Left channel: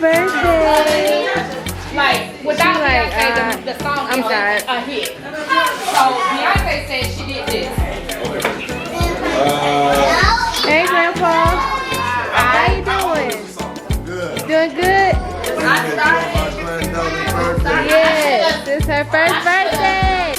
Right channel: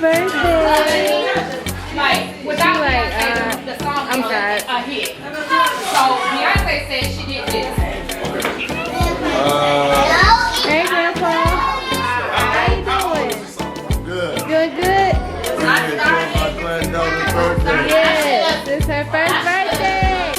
birthday. Like, She like, I'm sorry. So Beyonce said she did this. Hey, Grandpa. How you doing? Good. Doing good? It's my granddaughter's birthday. Yes, it's her first birthday.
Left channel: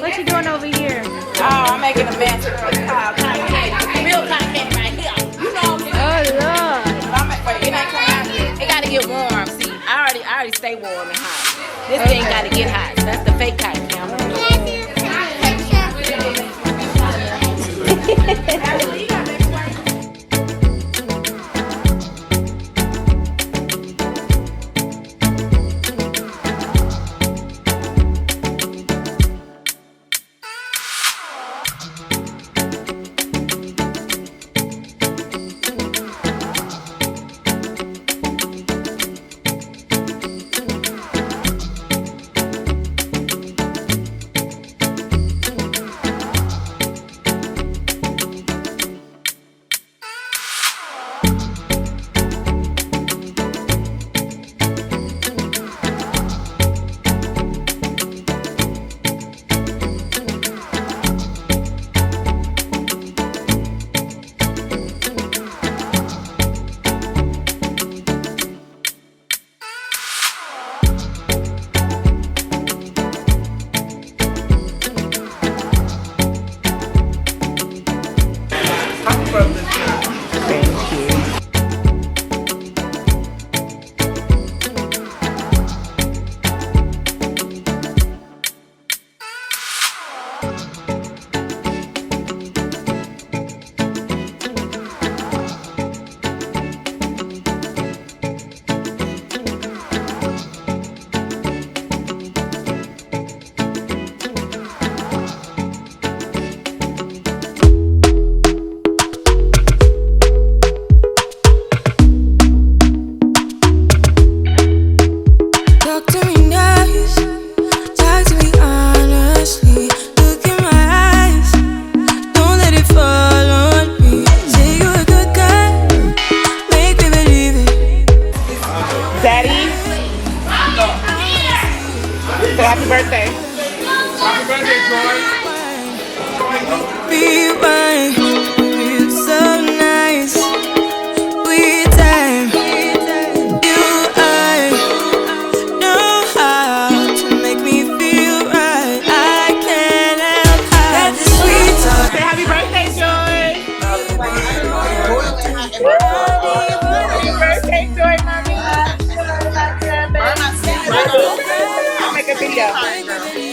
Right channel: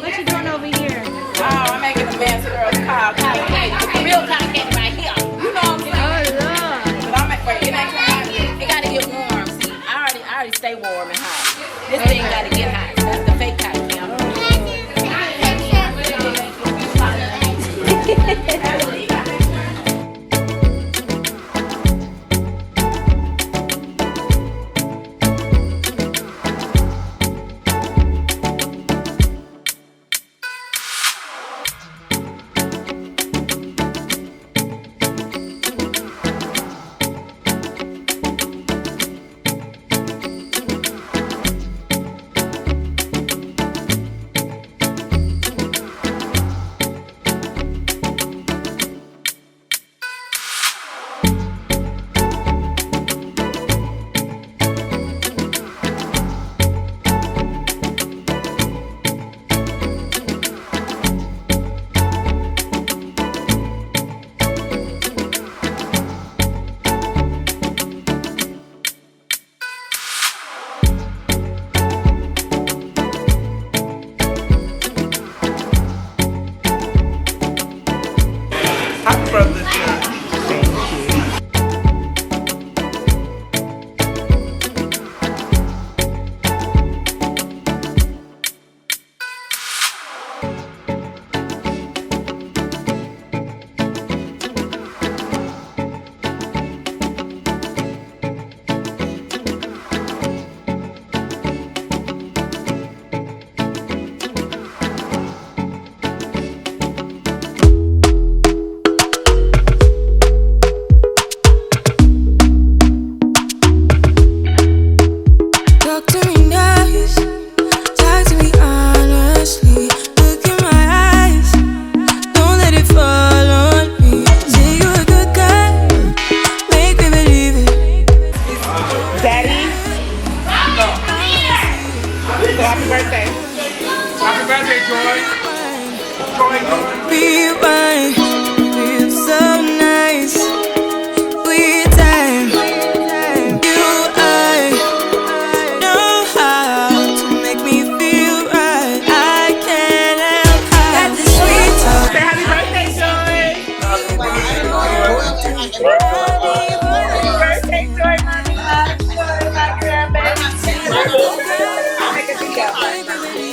What you doing over here? I'm making a fancy girl called cotton candy. Real cotton candy right here. You know what I'm saying? Oh, Lord. But wait, it ain't coming out yet. It gotta get warm. See, I already stay warm and hot. This thing gotta get hot. That's the fake cotton candy. I'm from the church. Talk to me nice, talk to me honestly. Look in my eyes, don't let it fall on me. Say you're a good guy, make me believe it. Daddy, so happy birthday. Happy birthday, Joy. Rewind, feels so nice. With time, you I know how to make me feel right. I can't help how this sweet talk. Say happy birthday, Joy. Happy birthday, Joy, mommy. My grandbaby. I'll make a video.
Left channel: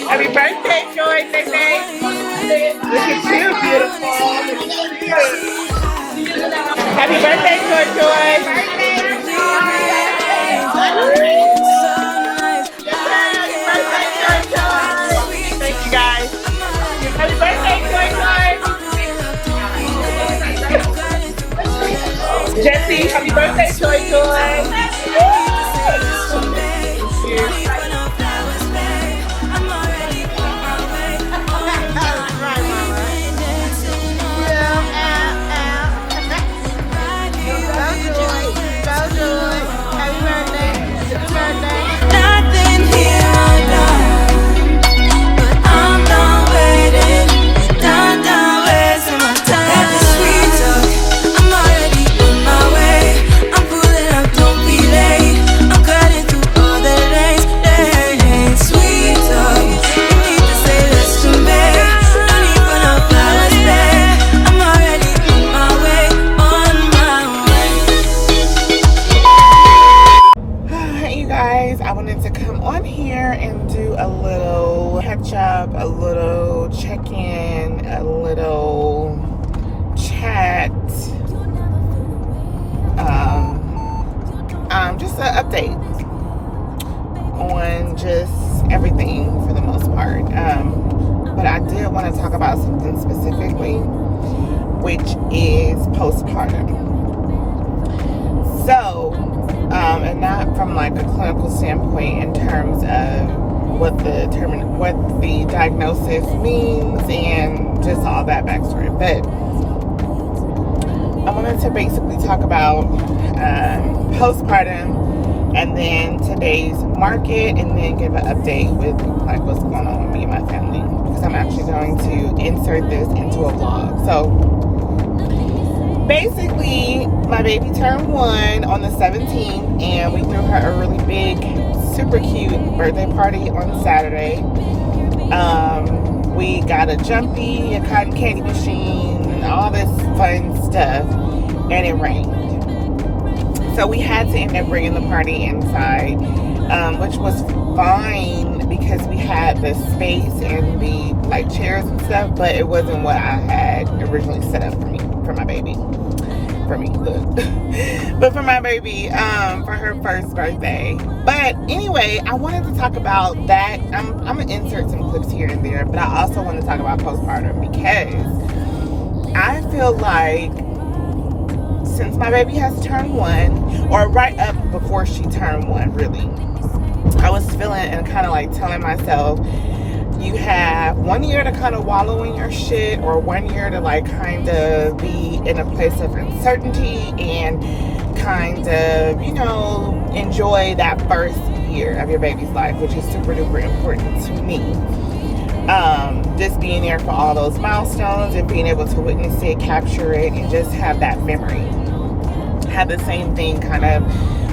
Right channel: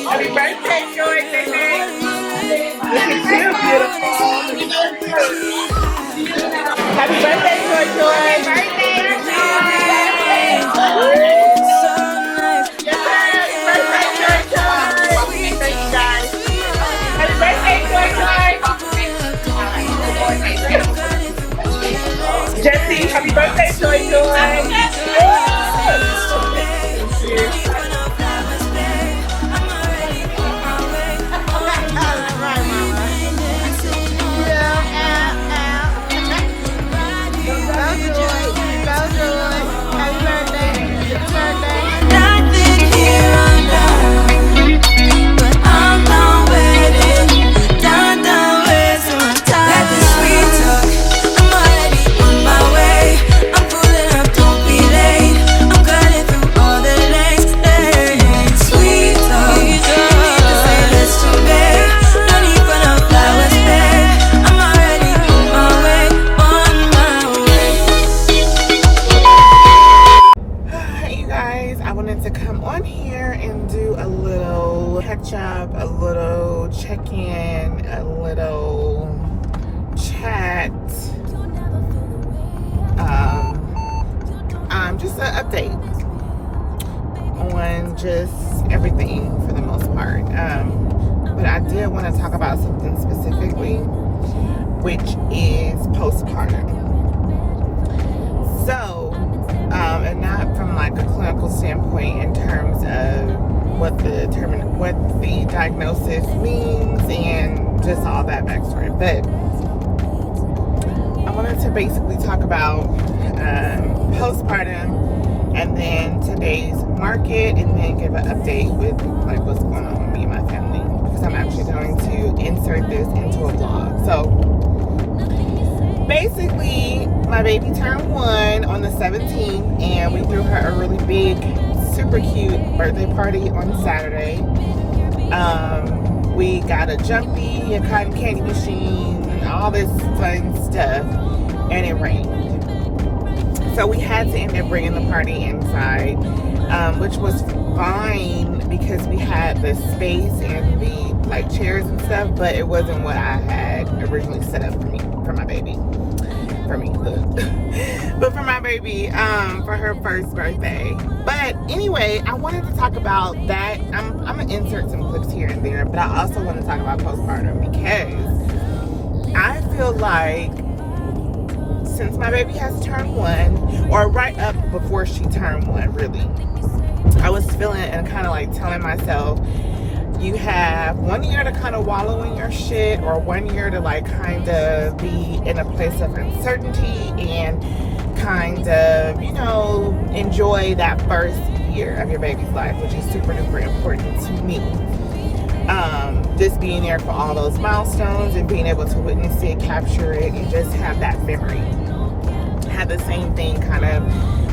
Happy birthday, Joy, baby. Look at you, beautiful. Happy birthday, Joy, Joy. Happy birthday, Joy, Joy. Thank you, guys. Happy birthday, Joy, Joy. Jesse, happy birthday, Joy, Joy. Nothing here or now, but I'm done waiting, done wasting my time. Let the sweet talk, I'm already on my way. I'm pulling up, don't be late. I'm cutting through all the lanes. Hey, sweet talk, you need to say less to me. No need for no flowers there. I'm already on my way, on my way. Hey, you guys, I wanted to come on here and do a little catch up, a little check in, a little chat. Just an update on just everything for the most part. But but I did want to talk about something specifically, which is postpartum. So, and not from like a clinical standpoint in terms of what the diagnosis means and just all that backstory, but I wanted to basically talk about postpartum and then today's market, and then give an update with like what's going on with me and my family, because I'm actually going to insert this into a vlog. So basically, my baby turned 1 on the 17th, and we threw her a really big, super cute birthday party on Saturday. We got a jumpy, a cotton candy machine, and all this fun stuff, and it rained. So we had to end up bringing the party inside, which was fine because we had the space and the like chairs and stuff, but it wasn't what I had originally set up for my baby. For me, but for my baby, for her first birthday. But anyway, I wanted to talk about that. I'm gonna insert some clips here and there, but I also want to talk about postpartum because I feel like since my baby has turned 1, or right up before she turned 1, really, I was feeling and kind of like telling myself, you have 1 year to kind of wallow in your shit, or 1 year to like kind of be in a place of uncertainty and kind of, you know, enjoy that first year of your baby's life, which is super duper important to me. Just being there for all those milestones and being able to witness it, capture it, and just have that memory. Had the same thing kind of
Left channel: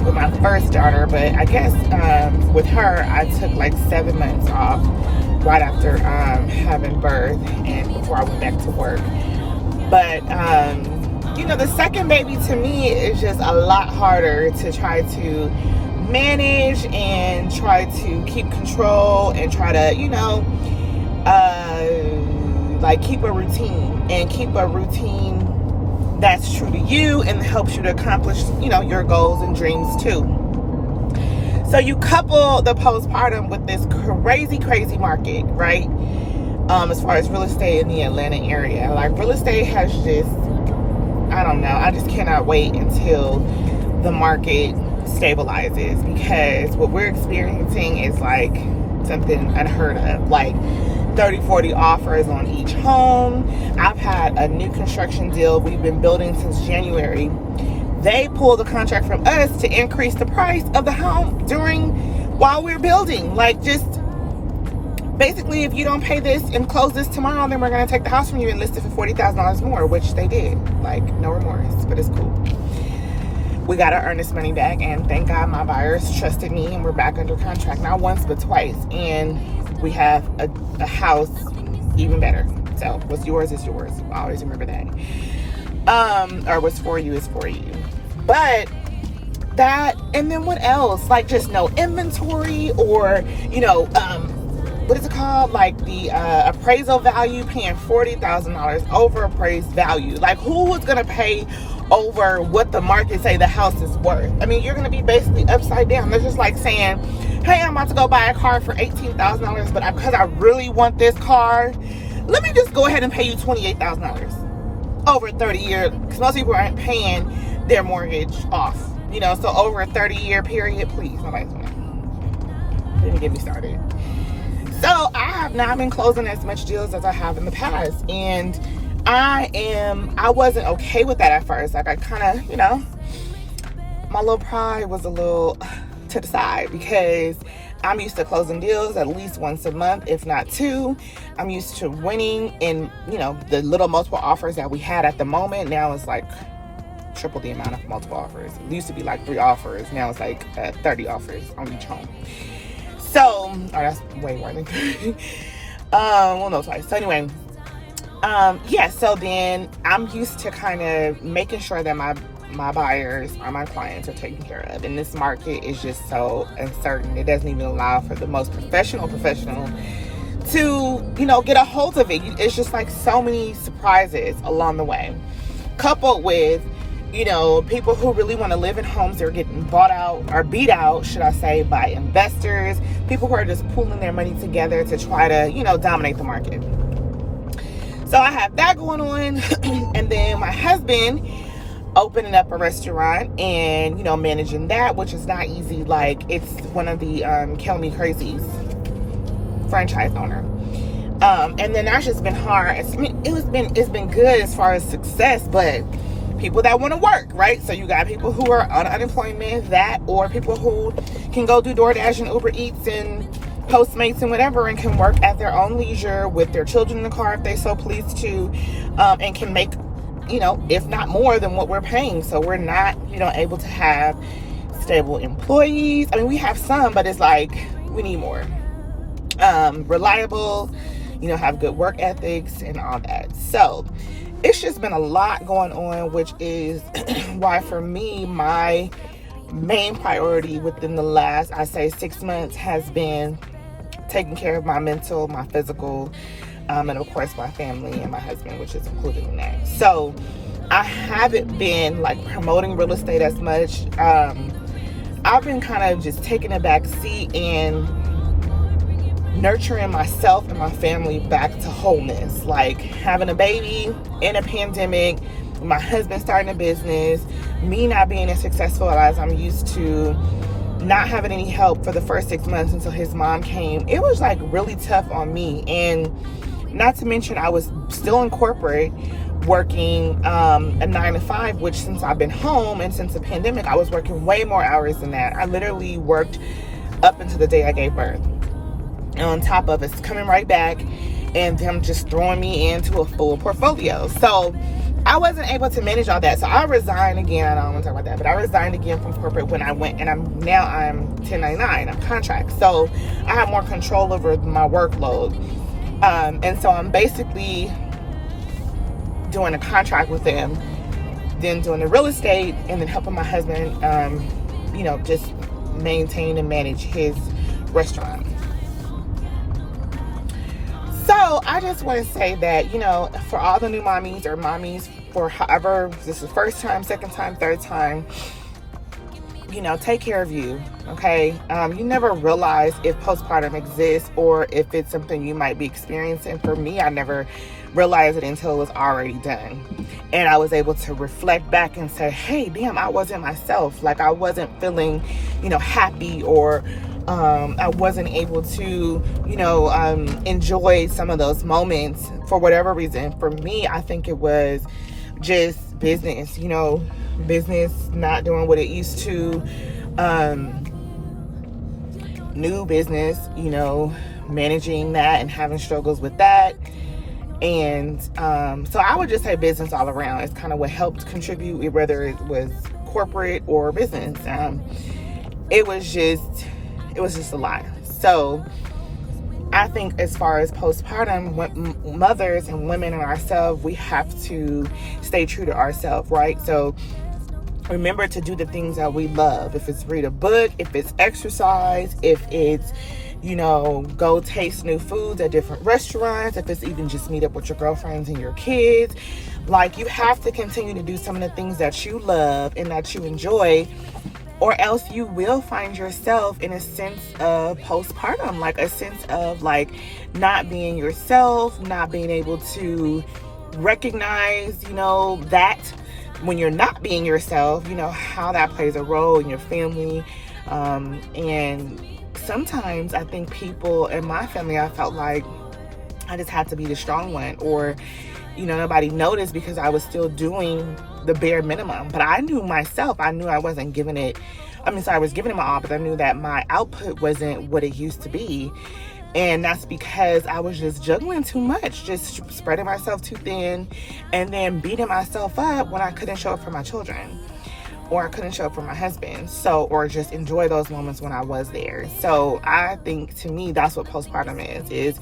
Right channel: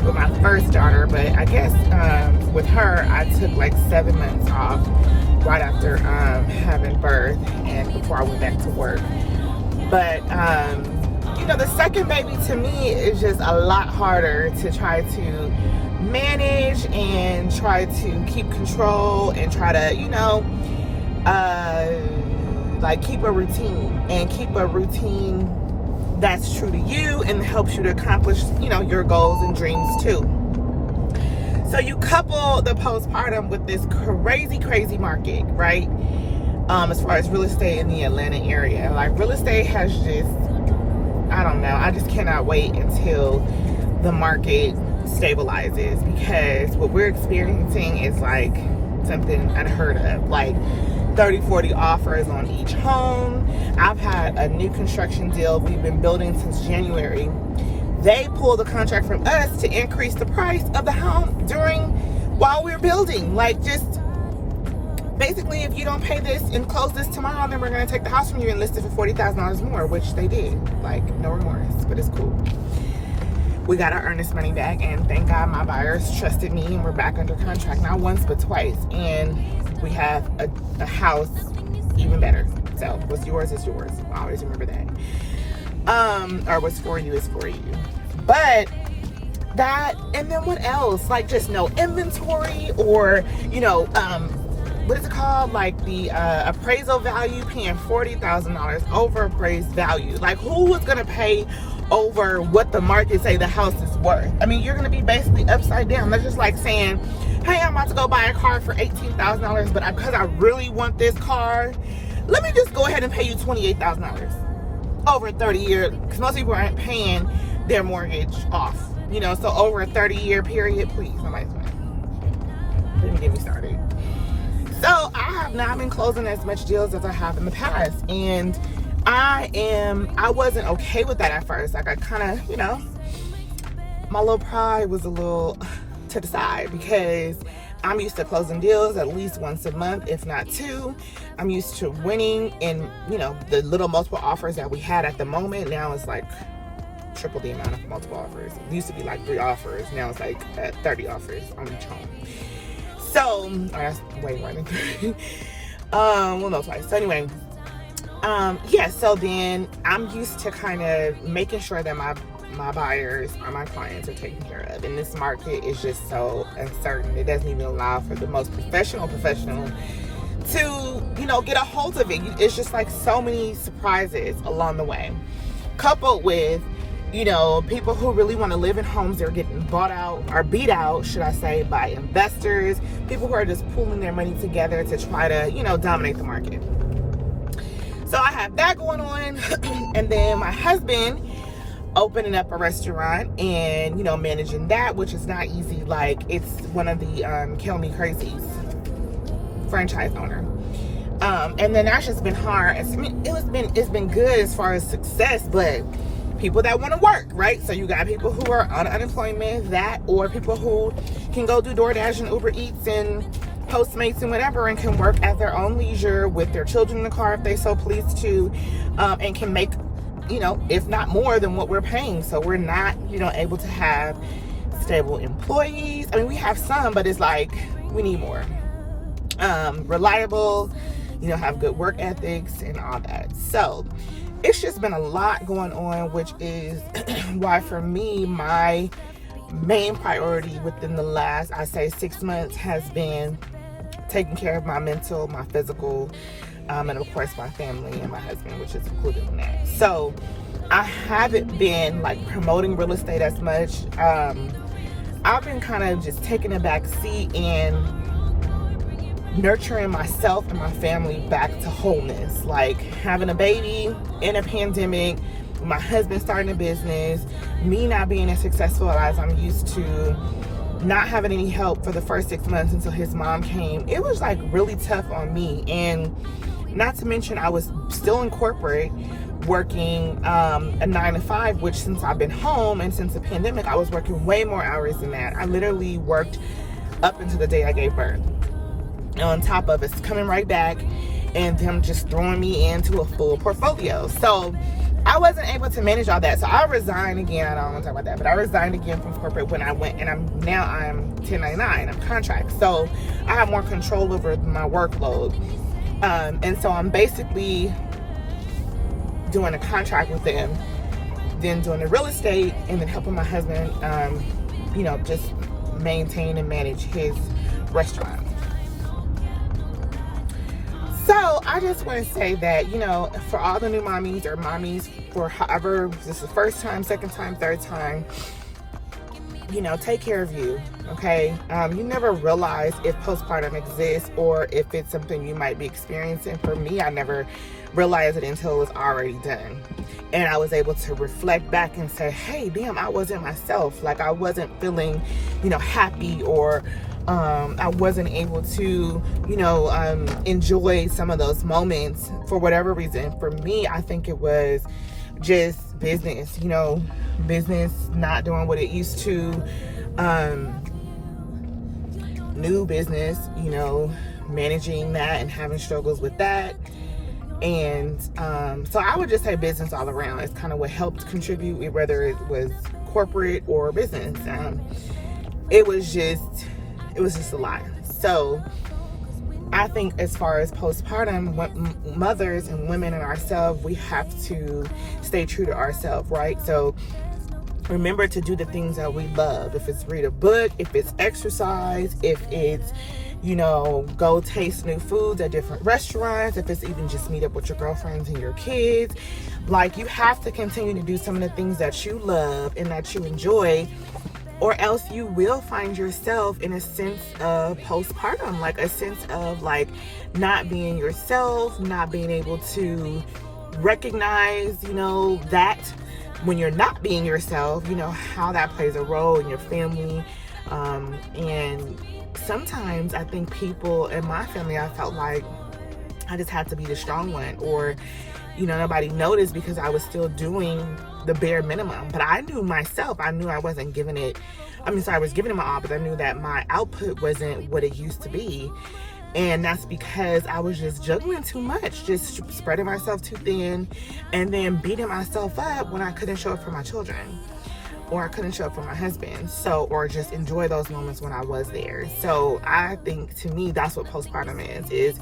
with my first daughter, but I guess with her, I took like 7 months off right after having birth and before I went back to work. But you know, the second baby to me is just a lot harder to try to manage and try to keep control and try to, you know, like keep a routine that's true to you and helps you to accomplish, you know, your goals and dreams too. So you couple the postpartum with this crazy market, right? As far as real estate in the Atlanta area, like real estate has just, I don't know, I just cannot wait until the market stabilizes, because what we're experiencing is like something unheard of, like 30-40 offers on each home. I've had a new construction deal we've been building since January. They pulled the contract from us to increase the price of the home while we're building. Like, just basically, if you don't pay this and close this tomorrow, then we're going to take the house from you and list it for $40,000 more, which they did. Like, no remorse, but it's cool. We got our earnest money back, and thank God my buyers trusted me, and we're back under contract, not once but twice, and we have a house even better. So what's yours is yours. I always remember that. Or what's for you is for you. But that, and then what else? Like, just no inventory, or, you know, what is it called? Like the appraisal value, paying $40,000 over appraised value. Like, who is gonna pay over what the market say the house is worth? I mean, you're gonna be basically upside down. They're just like saying, hey, I'm about to go buy a car for $18,000, but because I really want this car, let me just go ahead and pay you $28,000 over a 30-year, because most people aren't paying their mortgage off, you know, so over a 30-year period, please, nobody's doing it. Don't even get me started. So I have not been closing as much deals as I have in the past, and I wasn't okay with that at first. Like, I kind of, you know, my little pride was a little to the side, because I'm used to closing deals at least once a month, if not 2. I'm used to winning in, you know, the little multiple offers that we had at the moment. Now it's like triple the amount of multiple offers. It used to be like 3 offers. Now it's like 30 offers on each home. So, that's way more than 30. Well, no, twice. So anyway, yeah, so then I'm used to kind of making sure that my buyers or my clients are taken care of. And this market is just so uncertain. It doesn't even allow for the most professional to, you know, get a hold of it. It's just like so many surprises along the way. Coupled with, you know, people who really want to live in homes that are getting bought out, or beat out, should I say, by investors. People who are just pooling their money together to try to, you know, dominate the market. So I have that going on. And then my husband opening up a restaurant and, you know, managing that, which is not easy. Like, it's one of the Kill Me Crazy's franchise owner. And then that's just been hard. I mean, it's been good as far as success, but people that want to work, right? So you got people who are on unemployment, or people who can go do DoorDash and Uber Eats and Postmates and whatever, and can work at their own leisure with their children in the car if they so please to, and can make, you know, if not more than what we're paying. So we're not, you know, able to have stable employees. I mean, we have some, but it's like we need more. Reliable, you know, have good work ethics and all that. So it's just been a lot going on, which is why for me, my main priority within the last, I say, 6 months has been taking care of my mental, my physical, and of course my family and my husband, which is included in that. So I haven't been like promoting real estate as much. I've been kind of just taking a back seat and nurturing myself and my family back to wholeness. Like having a baby in a pandemic, my husband starting a business, me not being as successful as I'm used to, not having any help for the first 6 months until his mom came. It was like really tough on me. And not to mention I was still in corporate working a 9 to 5, which since I've been home and since the pandemic, I was working way more hours than that. I literally worked up until the day I gave birth. And on top of it, coming right back and them just throwing me into a full portfolio. So I wasn't able to manage all that. So I resigned again. I don't want to talk about that, but I resigned again from corporate when I went, and I'm 1099. I'm contract. So I have more control over my workload. And so I'm basically doing a contract with them, then doing the real estate, and then helping my husband, you know, just maintain and manage his restaurant. So I just want to say that, you know, for all the new mommies or mommies, for however, this is first time, second time, third time, you know, take care of you, okay? You never realize if postpartum exists or if it's something you might be experiencing. For me, I never realized it until it was already done. And I was able to reflect back and say, hey, damn, I wasn't myself. Like, I wasn't feeling, you know, happy, or I wasn't able to, you know, enjoy some of those moments for whatever reason. For me, I think it was just business, you know, business not doing what it used to, new business, you know, managing that and having struggles with that. And so I would just say business all around is kind of what helped contribute, whether it was corporate or business. It was just a lot. So I think as far as postpartum, mothers and women and ourselves, we have to stay true to ourselves, right? So remember to do the things that we love. If it's read a book, if it's exercise, if it's, you know, go taste new foods at different restaurants, if it's even just meet up with your girlfriends and your kids. Like, you have to continue to do some of the things that you love and that you enjoy, or else you will find yourself in a sense of postpartum, like a sense of like not being yourself, not being able to recognize, you know, that when you're not being yourself, you know, how that plays a role in your family. And sometimes I think people in my family, I felt like I just had to be the strong one, or, you know, nobody noticed because I was still doing the bare minimum. But I knew myself, I knew I wasn't giving it, I was giving it my all, but I knew that my output wasn't what it used to be. And that's because I was just juggling too much, just spreading myself too thin, and then beating myself up when I couldn't show up for my children, or I couldn't show up for my husband. So, or just enjoy those moments when I was there. So I think, to me, that's what postpartum is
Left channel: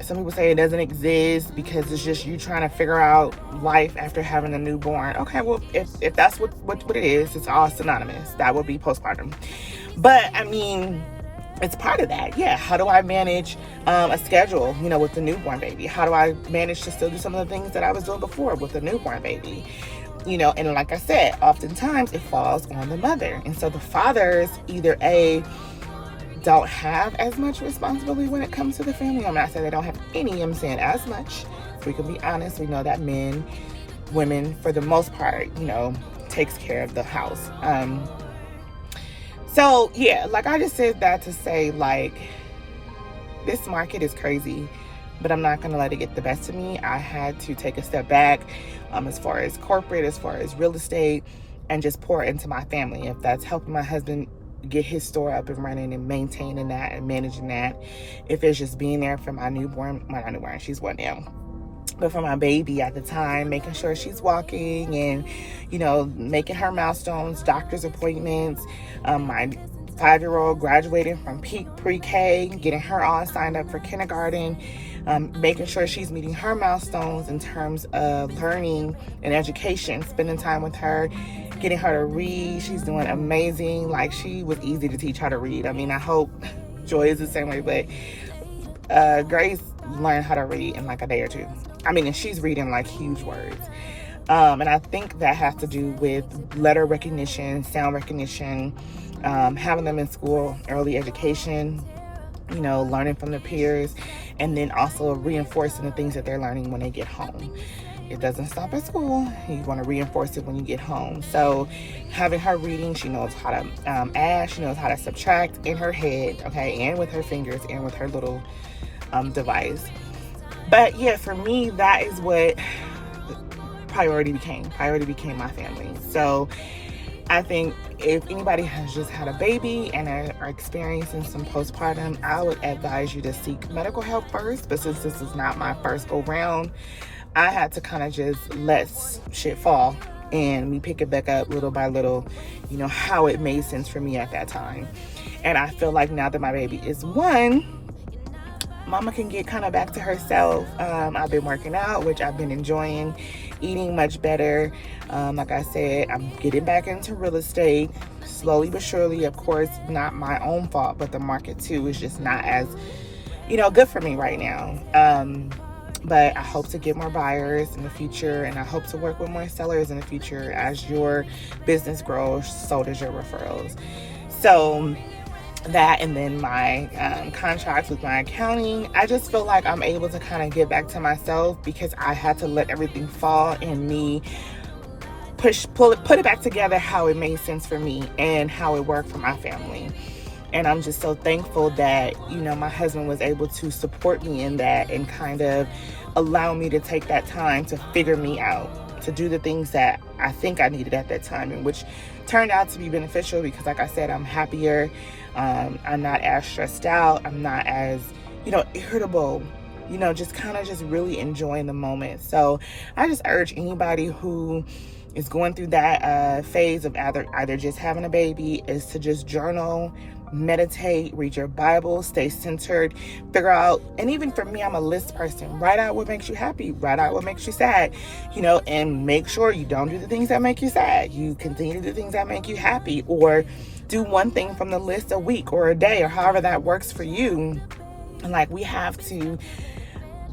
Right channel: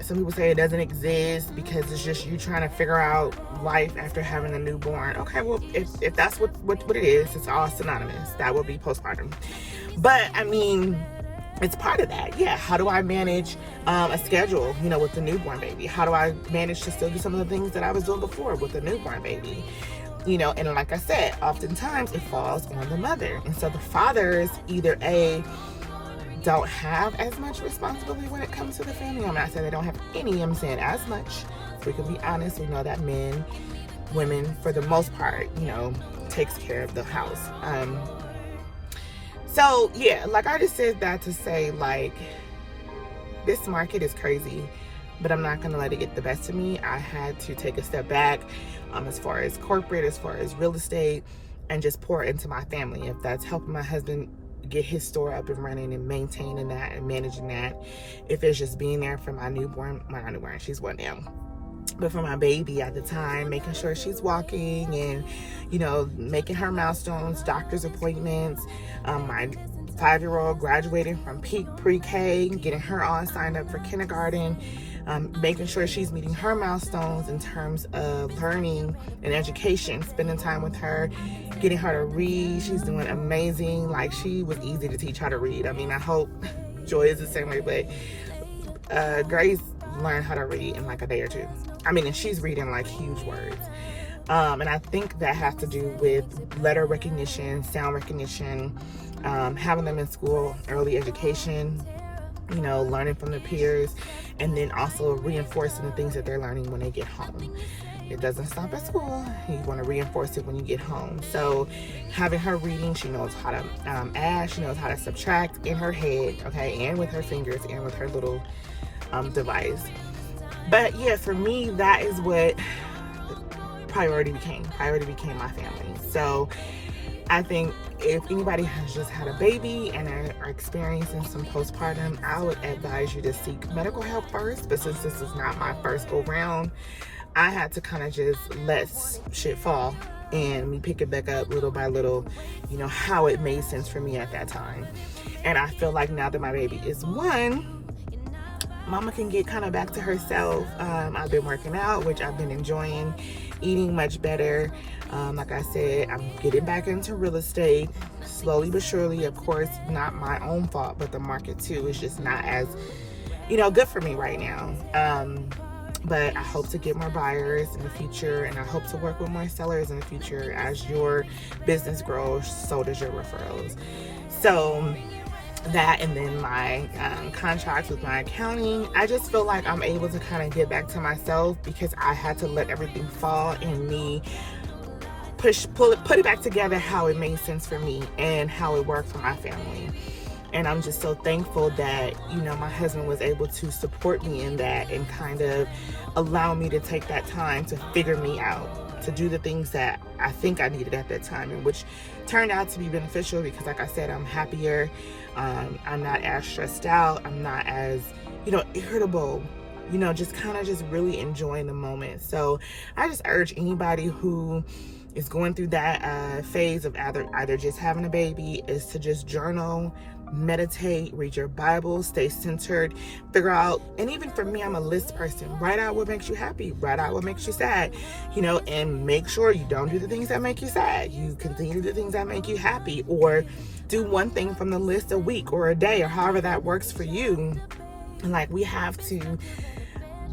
some people say it doesn't exist because it's just you trying to figure out life after having a newborn. Okay, well, if that's what it is, it's all synonymous. That would be postpartum. But I mean, it's part of that. Yeah, how do I manage a schedule, you know, with the newborn baby? How do I manage to still do some of the things that I was doing before with the newborn baby? You know, and like I said, oftentimes it falls on the mother. And so the fathers either don't have as much responsibility when it comes to the family. I'm not saying they don't have any, I'm saying as much. So we can be honest, we know that women, for the most part, you know, takes care of the house. So yeah, like I just said that to say, like, this market is crazy, but I'm not gonna let it get the best of me. I had to take a step back as far as corporate, as far as real estate, and just pour into my family. If that's helping my husband get his store up and running and maintaining that and managing that, if it's just being there for my newborn, well, not newborn, she's one now, but for my baby at the time, making sure she's walking and, you know, making her milestones, doctor's appointments, my 5-year-old graduating from pre-K, getting her all signed up for kindergarten, making sure she's meeting her milestones in terms of learning and education, spending time with her, getting her to read. She's doing amazing. Like, she was easy to teach how to read. I mean, I hope Joy is the same way, but Grace learned how to read in like a day or two. I mean, and she's reading like huge words. And I think that has to do with letter recognition, sound recognition, having them in school, early education, you know, learning from the peers, and then also reinforcing the things that they're learning when they get home. It doesn't stop at school. You want to reinforce it when you get home. So having her reading, she knows how to add, she knows how to subtract in her head, okay, and with her fingers and with her little device. But yeah, for me, that is what priority became. Priority became my family. So I think if anybody has just had a baby and are experiencing some postpartum, I would advise you to seek medical help first. But since this is not my first go round, I had to kind of just let shit fall and me pick it back up little by little, you know, how it made sense for me at that time. And I feel like now that my baby is 1, Mama can get kind of back to herself. I've been working out, which I've been enjoying, eating much better. Like I said, I'm getting back into real estate slowly but surely. Of course, not my own fault, but the market too is just not as, you know, good for me right now. But I hope to get more buyers in the future, and I hope to work with more sellers in the future. As your business grows, so does your referrals. So that, and then my contracts with my accounting, I just feel like I'm able to kind of get back to myself because I had to let everything fall and me put it back together how it made sense for me and how it worked for my family. And I'm just so thankful that, you know, my husband was able to support me in that and kind of allow me to take that time to figure me out, to do the things that I think I needed at that time, and which turned out to be beneficial because, like I said, I'm happier. I'm not as stressed out. I'm not as, you know, irritable, you know, just kind of just really enjoying the moment. So I just urge anybody who is going through that phase of either just having a baby is to just journal, meditate, read your Bible, stay centered, figure out, and even for me, I'm a list person. Write out what makes you happy, write out what makes you sad, you know, and make sure you don't do the things that make you sad. You continue to do things that make you happy, or do one thing from the list a week or a day, or however that works for you. And like, we have to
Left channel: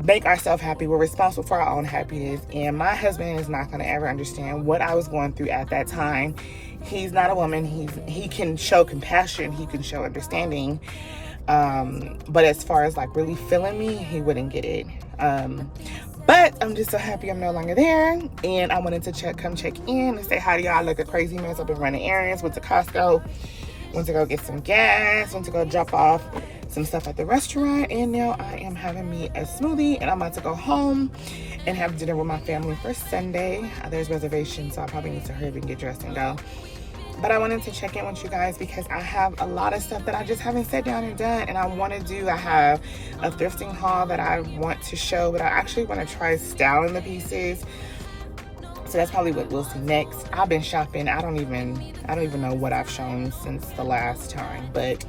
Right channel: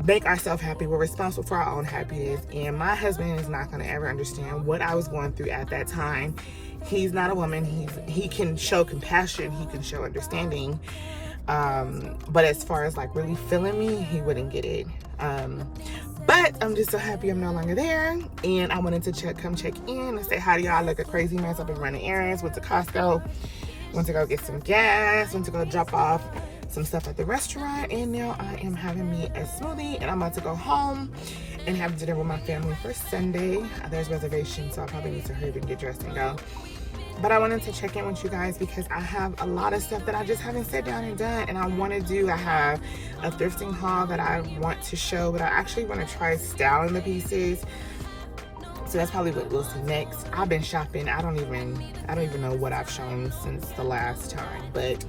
make ourselves happy. We're responsible for our own happiness. And my husband is not going to ever understand what I was going through at that time. He's not a woman. He can show compassion. He can show understanding. But as far as like really feeling me, he wouldn't get it. But I'm just so happy I'm no longer there. And I wanted to come check in and say hi to y'all. Look at crazy mess. I've been running errands, went to Costco, went to go get some gas, went to go drop off some stuff at the restaurant, and now I am having me a smoothie, and I'm about to go home and have dinner with my family for Sunday. There's reservations, so I probably need to hurry up and get dressed and go. But I wanted to check in with you guys because I have a lot of stuff that I just haven't sat down and done, and I want to do. I have a thrifting haul that I want to show, but I actually want to try styling the pieces. So that's probably what we'll see next. I've been shopping. I don't even know what I've shown since the last time, but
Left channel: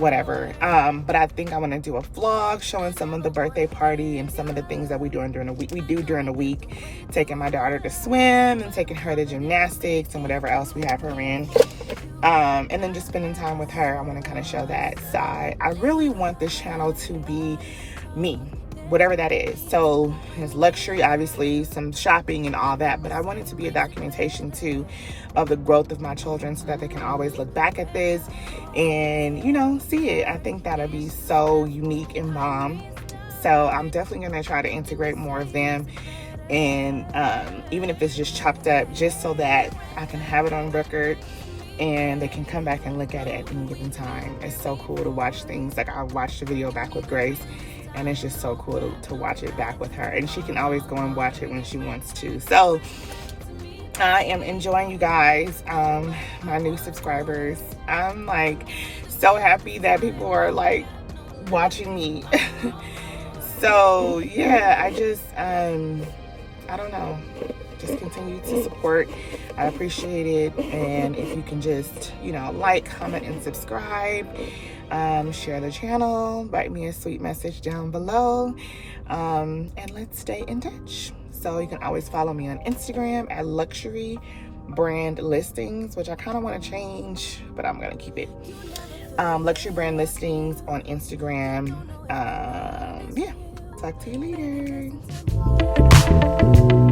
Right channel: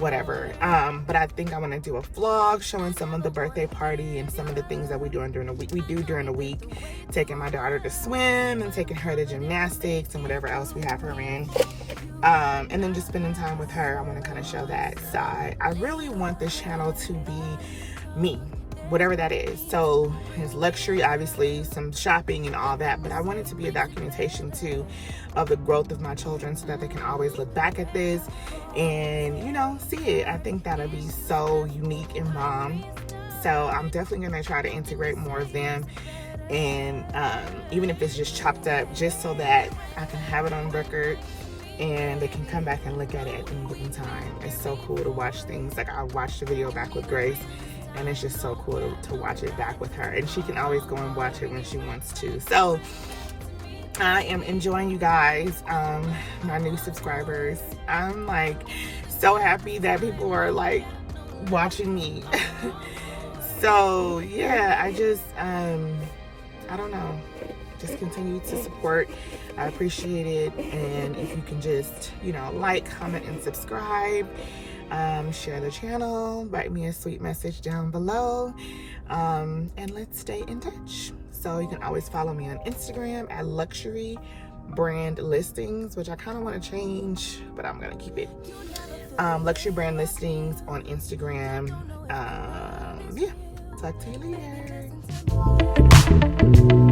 whatever. But I think I want to do a vlog showing some of the birthday party and some of the things that we do during the week. Taking my daughter to swim and taking her to gymnastics and whatever else we have her in. And then just spending time with her. I want to kind of show that side. I really want this channel to be me, whatever that is. So it's luxury, obviously, some shopping and all that, but I want it to be a documentation too of the growth of my children so that they can always look back at this and, you know, see it. I think that'll be so unique and bomb. So I'm definitely gonna try to integrate more of them, and even if it's just chopped up, just so that I can have it on record and they can come back and look at it at any given time. It's so cool to watch things. Like, I watched the video back with Grace, and it's just so cool to watch it back with her, and she can always go and watch it when she wants to. So I am enjoying, you guys, my new subscribers. I'm like so happy that people are like watching me. So yeah, I just I don't know, just continue to support. I appreciate it. And if you can just, you know, like, comment, and subscribe, share the channel, write me a sweet message down below, and let's stay in touch. So you can always follow me on Instagram at Luxury Brand Listings, which I kind of want to change, but I'm gonna keep it. Luxury Brand Listings on Instagram. Yeah, talk to you later.